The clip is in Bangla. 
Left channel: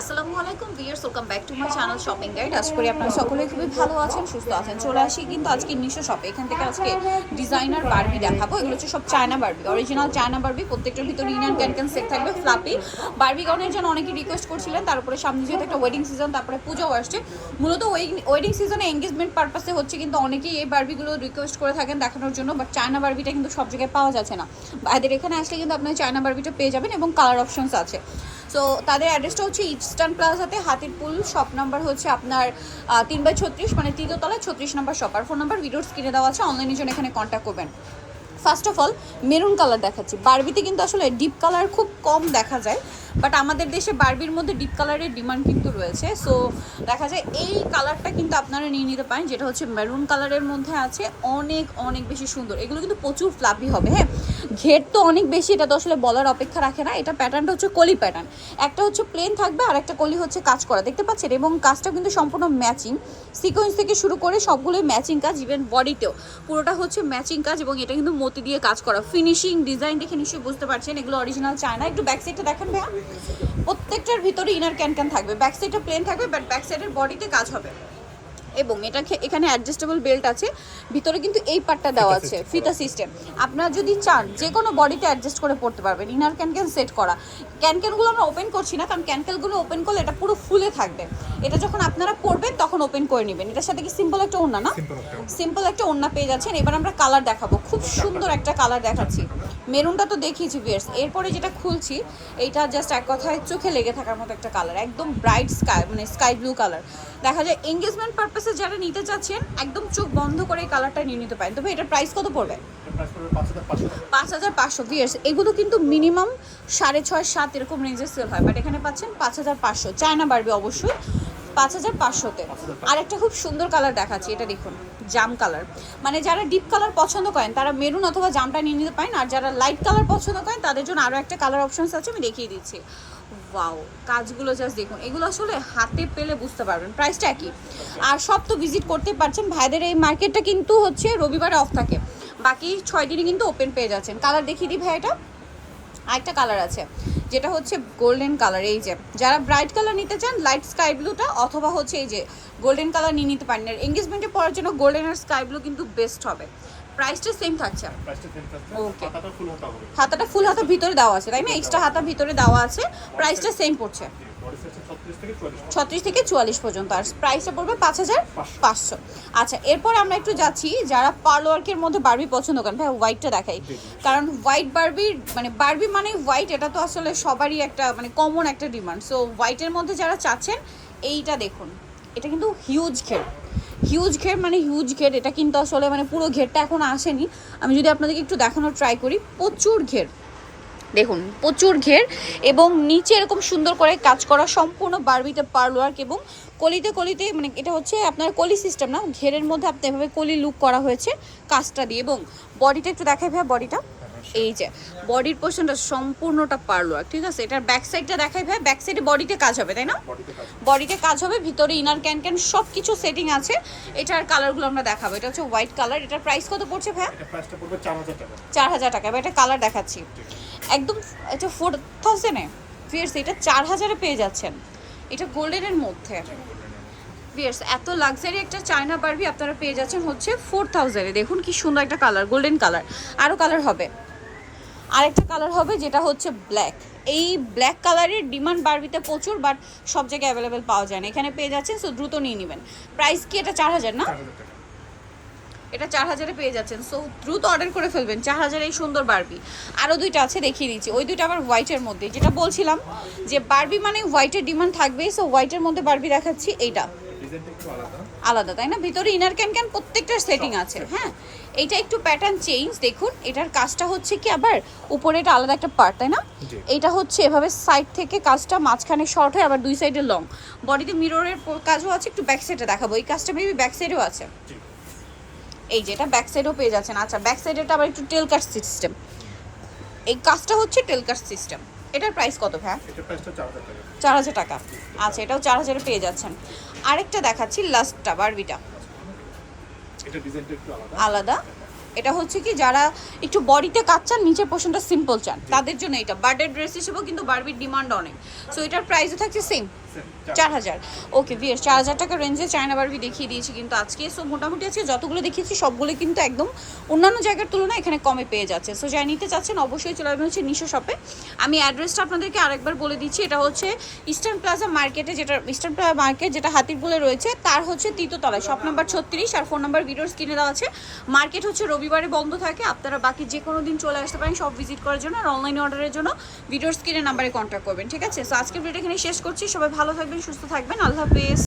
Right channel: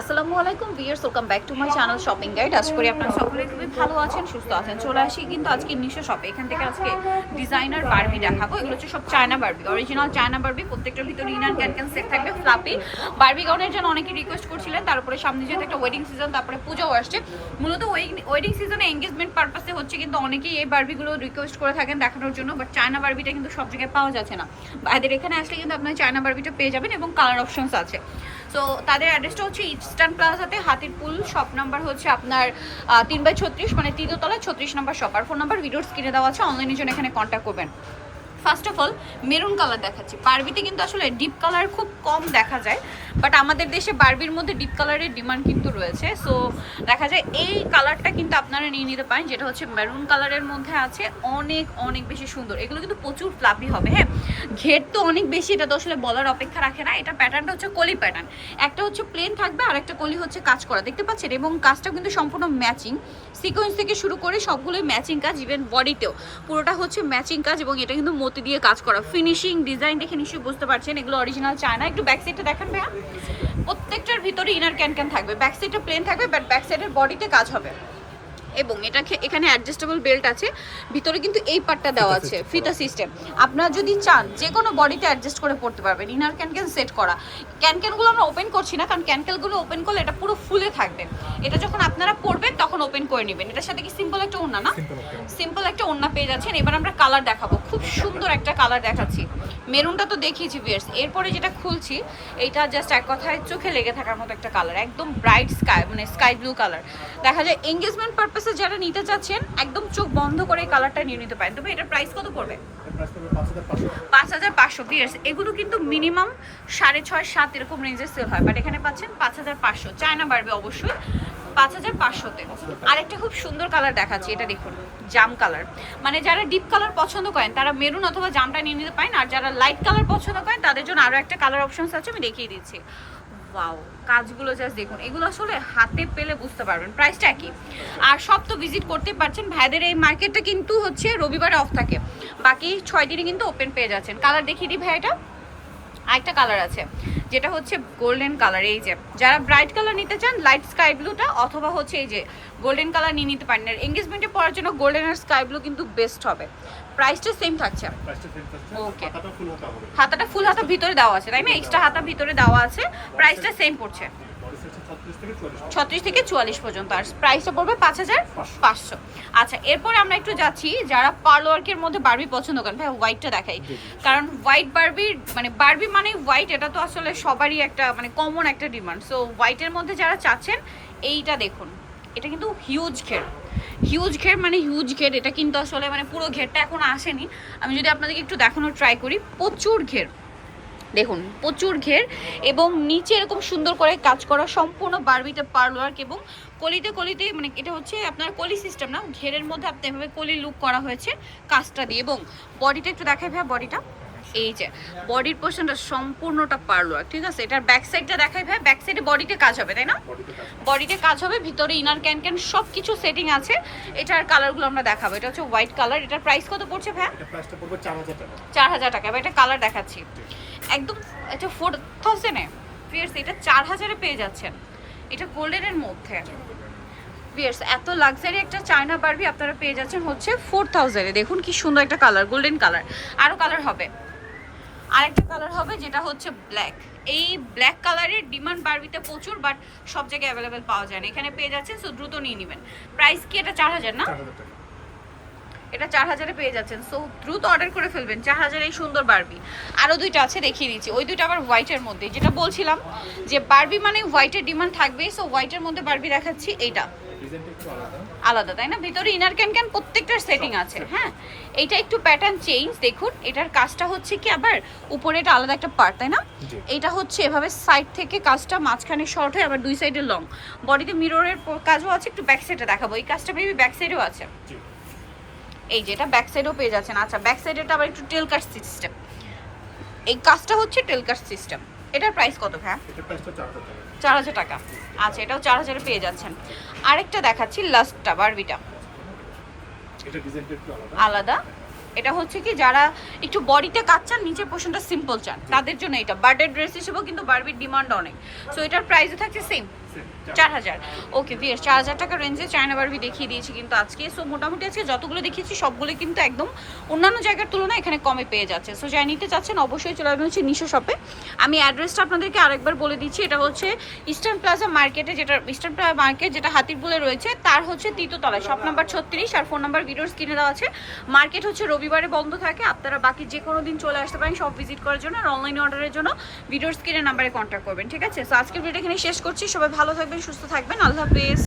আসসালামু আলাইকুম viewers welcome back to my channel shopping guide. আশা করি আপনারা সকলে খুবই ভালো আছেন, সুস্থ আছেন। চলে আসি কিন্তু আজকে মিশো শপে এখান থেকে আজকে ডিজাইনার বারবি দেখাবো। এগুলো হচ্ছে সব China Barbie original China Barbie প্রত্যেকটার ভিতরে ইনান ক্যান ক্যান সেট থাকবে ফ্লাপি বারবি গাউনের জন্য অনেকে রিকোয়েস্ট করছিলেন, তার উপরে সামনে যেহেতু একটা ওয়েডিং সিজন তারপরে পুজোও আসছে। মূলত ওয়েডিং সিজনে এঙ্গেজমেন্ট পারপাসে হচ্ছে কিন্তু অনেকেই এই বারবিগুলো রিকোয়েস্ট করে থাকেন দেখানোর জন্য বাট চায়না বারবিটা কিন্তু সব জায়গায় পাওয়া যাচ্ছে না। বাইরের এখানে আসলে কিন্তু আপনার চায়না বারবিটা পেয়ে যাবেন এবং কালার অপশনস আছে। সো তাদের অ্যাড্রেসটা হচ্ছে ইস্টার্ন প্লাজাতে হাতির পুল শপ নাম্বার হচ্ছে আপনার তিন বাই ছত্রিশ মানে তৃতীয়তলায় ছত্রিশ নাম্বার শপ আর ফোন নাম্বার ভিডিওর স্ক্রিনে দেওয়া আছে অনলাইনের জন্য এখানে কন্ট্যাক্ট করবেন। First of all maroon colour দেখাচ্ছি। বারবিতে কিন্তু আসলে ডিপ কালার খুব কম দেখা যায়। বাট আমাদের দেশে বারবির মধ্যে ডিপ কালারের ডিমান্ড কিন্তু রয়েছে। সো দেখা যায় এই কালারটা কিন্তু আপনারা নিয়ে নিতে পারেন, যেটা হচ্ছে মেরুন কালারের মধ্যে আছে। অনেক অনেক বেশি সুন্দর। এগুলো কিন্তু প্রচুর ফ্লাপি হবে হ্যাঁ? ঘের তো অনেক বেশি, এটা তো আসলে বলার অপেক্ষা রাখে না। এটা প্যাটার্নটা হচ্ছে কলি প্যাটার্ন একটা হচ্ছে প্লেন থাকবে আর একটা কলি হচ্ছে কাজ করা। দেখতে পাচ্ছেন? এবং কাজটা কিন্তু সম্পূর্ণ ম্যাচিং সিকোয়েন্স থেকে শুরু করে সবগুলোই ম্যাচিং কাজ ইভেন বডিতেও পুরোটা হচ্ছে ম্যাচিং কাজ এবং এটা কিন্তু মতি দিয়ে কাজ করা। ফিনিশিং ডিজাইন দেখে নিশ্চয়ই বুঝতে পারছেন। এগুলো অরিজিনাল চায় না একটু ব্যাক সাইডটা দেখেন ভাইয়া। প্রত্যেকটার ভিতরে ইনার ক্যান ক্যান থাকবে। ব্যাক সাইডটা প্লেন থাকবে বাট ব্যাক সাইডের বডিতে কাজ হবে। এবং এটা এখানে অ্যাডজাস্টেবল বেল্ট আছে। ভিতরে কিন্তু এই পার্টটা দেওয়া আছে ফিতা সিস্টেম আপনারা যদি চান যে কোনো বডিতে অ্যাডজাস্ট করে পড়তে পারবেন। ইনার ক্যান ক্যান সেট করা। ক্যান ক্যানগুলো আমরা ওপেন করছি না কারণ ক্যান ক্যানগুলো ওপেন করলে এটা পুরো ফুলে থাকবে। এটা যখন আপনারা পড়বেন তখন ওপেন করে নেবেন। এটার সাথে কি সিম্পল একটা ওড়না না? সিম্পল একটা ওড়না। পেয়ে যাচ্ছেন। এবার আমরা কালার দেখাবো। খুব সুন্দর একটা কালার দেখাচ্ছি। মেরুনটা তো দেখিয়েছি ভিয়ার্স এরপরে যেটা খুলছি এইটা জাস্ট এক কথায় চোখে লেগে থাকার মতো একটা কালার একদম ব্রাইট স্কাই মানে স্কাই ব্লু কালার দেখা যায় এঙ্গেজমেন্ট পারপাসে যারা নিতে চাচ্ছেন একদম চোখ বন্ধ করে কালারটা নিয়ে নিতে পারেন। তবে এটার প্রাইস কত পড়বে? পাঁচ হাজার পাঁচশো। ভিয়ার্স এগুলো কিন্তু মিনিমাম সাড়ে ছয় সাত এরকম রেঞ্জের সেল হয়। বাট এখানে পাচ্ছেন পাঁচ হাজার পাঁচশো। চায়না বাড়বে অবশ্যই পাঁচ হাজার পাঁচশোতে। আর একটা খুব সুন্দর কালার দেখাচ্ছি এটা দেখুন জাম কালার মানে যারা ডিপ কালার পছন্দ করেন তারা মেরুন অথবা জামটা নিয়ে নিতে পারেন। আর যারা লাইট কালার পছন্দ করেন তাদের জন্য আরও একটা কালার অপশনস আছে আমি দেখিয়ে দিচ্ছি। ওয়াও কাজগুলো জাস্ট দেখুন। এগুলো আসলে হাতে পেলে বুঝতে পারবেন। প্রাইসটা একই। আর সব তো ভিজিট করতে পারছেন। ভাইদের এই মার্কেটটা কিন্তু হচ্ছে রবিবারে অফ থাকে। বাকি ছয় দিনই কিন্তু ওপেন পেয়ে যাচ্ছেন। কালার দেখিয়ে দিই ভাই এটা। আরেকটা কালার আছে। যেটা হচ্ছে গোল্ডেন কালার এই যে, যারা ব্রাইট কালার নিতে চান লাইট স্কাই ব্লুটা অথবা হচ্ছে এই যে গোল্ডেন কালার নিয়ে নিতে পারেন। আর এঙ্গেজমেন্টে পড়ার জন্য গোল্ডেন আর স্কাই ব্লু কিন্তু বেস্ট হবে। প্রাইসটা সেম থাকছে Okay. হাতাটা ফুল হতে ভিতরে দেওয়া আছে তাই না? এক্সট্রা হাতা ভিতরে দেওয়া আছে প্রাইসটা সেম পড়ছে। ছত্রিশ থেকে চুয়াল্লিশ পর্যন্ত। আর প্রাইসটা পড়বে পাঁচ হাজার পাঁচশো। আচ্ছা এরপর আমরা একটু যাচ্ছি যারা পার্ল ওয়ার্কের মধ্যে বারবি পছন্দ করেন ভাই হোয়াইটটা দেখাই। কারণ হোয়াইট বারবির মানে বারবি মানে হোয়াইট এটা তো আসলে সবারই একটা মানে কমন একটা ডিমান্ড সো হোয়াইটের মধ্যে যারা চাচ্ছেন এইটা দেখুন। এটা কিন্তু হিউজ ঘের হিউজ ঘের মানে হিউজ ঘের, এটা কিন্তু আসলে মানে পুরো ঘেরটা এখন আসেনি। আমি যদি আপনাদেরকে একটু দেখানোর ট্রাই করি, প্রচুর ঘের। দেখুন, প্রচুর ঘের এবং নিচে এরকম সুন্দর করে কাজ করা সম্পূর্ণ বারবিতে পার্ল ওয়ার্ক এবং কলিতে কলিতে মানে এটা হচ্ছে আপনার কলি সিস্টেম না, ঘেরের মধ্যে আপনি এভাবে কলি লুক করা হয়েছে কাজটা দিয়ে। এবং বডিটা একটু দেখাই ভাই বডিটা এই যে বডির পোর্শনটা সম্পূর্ণটা পার্ল ঠিক আছে? এটার ব্যাক সাইডটা দেখাই ভাই ব্যাক সাইডে বডিতে কাজ হবে তাই না? বডিতে কাজ হবে। ভিতরে ইনার ক্যান ক্যান সব কিছু সেটিং আছে। এটার কালারগুলো আমরা দেখাবো। এটা হচ্ছে হোয়াইট কালার এটার প্রাইস কত পড়ছে ভাই? এটা প্রাইসটা পড়বে চার হাজার টাকা। এটা কালার দেখাচ্ছি। একদম এটা ফোর থাউজেন্ডে ফিয়ার্স এটা চার হাজারে পেয়ে যাচ্ছেন। এটা গোল্ডেনের মধ্যে। ফিয়ার্স এত লাক্সারি একটা চায়না বারবি আপনারা পেয়ে যাচ্ছেন হচ্ছে ফোর থাউজেন্ডে দেখুন কি সুন্দর একটা কালার গোল্ডেন কালার আরও কালার হবে। আরেকটা কালার হবে যেটা হচ্ছে ব্ল্যাক এই ব্ল্যাক কালারের ডিমান্ড বারবিতে প্রচুর বাট সব জায়গায় অ্যাভেলেবেল পাওয়া যায় না। এখানে পেয়ে যাচ্ছেন সো দ্রুত নিয়ে নেবেন। প্রাইস কি? এটা চার হাজার না? এটা চার হাজারে পেয়ে যাচ্ছেন সো দ্রুত অর্ডার করে ফেলবেন। চার হাজার এই সুন্দর বারবি। আরও দুইটা আছে দেখিয়ে দিচ্ছি। ওই দুইটা আবার হোয়াইটের মধ্যে। যেটা বলছিলাম যে বারবি মানে হোয়াইটের ডিমান্ড থাকবেই সো হোয়াইটের মধ্যে বারবি দেখাচ্ছি এইটা। আলাদা। তাই না? ভিতরে ইনার ক্যান ক্যান প্রত্যেকটার সেটিং আছে হ্যাঁ? এইটা একটু প্যাটার্ন চেঞ্জ দেখুন এটার কাজটা হচ্ছে কি আবার উপরে এটা আলাদা একটা পার্ট তাই না? এটা হচ্ছে এভাবে সাইড থেকে কাজটা মাঝখানে শর্ট হয় আবার দুই সাইডে লং বডিতে মিররের কাজও আছে একটু ব্যাক সাইডে দেখাবো। এই কাজটা মেবি ব্যাক সাইডেও আছে। এই যে এটা ব্যাক সাইডেও পেয়ে যাচ্ছেন। আচ্ছা ব্যাক সাইডেটা আবার একটু টেল কাট সিস্টেম এই কাজটা হচ্ছে টেল কাট সিস্টেম এটার প্রাইস কত ভাই চার হাজার টাকা। আচ্ছা এটাও চার হাজারে পেয়ে যাচ্ছেন। আরেকটা দেখাচ্ছি লাস্টটা বারবিটা এটা ডিজাইনটা একটু আলাদা। আলাদা? এটা হচ্ছে কি যারা একটু বডিতে কাজ চান নিচের পোর্শনটা সিম্পল চান। তাদের জন্য এটা। বার্থডে ড্রেস হিসেবেও কিন্তু বারবির ডিমান্ড অনেক। সো এটার প্রাইসও থাকছে সেম চার হাজার। ওকে বিয়ার চার হাজার টাকা রেঞ্জে চায়না বারবি দেখিয়ে দিয়েছি কিন্তু আজকে। সো মোটামুটি আজকে যতগুলো দেখিয়েছি সবগুলো কিন্তু একদম অন্যান্য জায়গার তুলনায় এখানে কমে পেয়ে যাচ্ছে। সো যাই নিতে চাচ্ছেন অবশ্যই চলে আসবেন হচ্ছে নিশো শপে আমি অ্যাড্রেসটা আপনাদেরকে আরেকবার বলে দিচ্ছি। এটা হচ্ছে ইস্টার্ন প্লাজা মার্কেটে যেটা ইস্টার্ন প্লাজা মার্কেট যেটা হাতির বলে রয়েছে তার হচ্ছে তৃতীয়তলায় শপ নাম্বার ছত্রিশ আর ফোন নাম্বার ভিডিওর স্ক্রিনে দেওয়া আছে। মার্কেট হচ্ছে রবিবারে বন্ধ থাকে, আপনারা বাকি যে কোনো দিন চলে আসতে পারেন, সব ভিজিট করার জন্য আর অনলাইন অর্ডারের জন্য ভিডিওর স্ক্রিনের নাম্বারে কন্ট্যাক্ট করবেন, ঠিক আছে? সো আজকের ভিডিও এখানে শেষ করছি, সবাই ভালো থাকবেন, সুস্থ থাকবেন, আল্লাহ হাফেজ।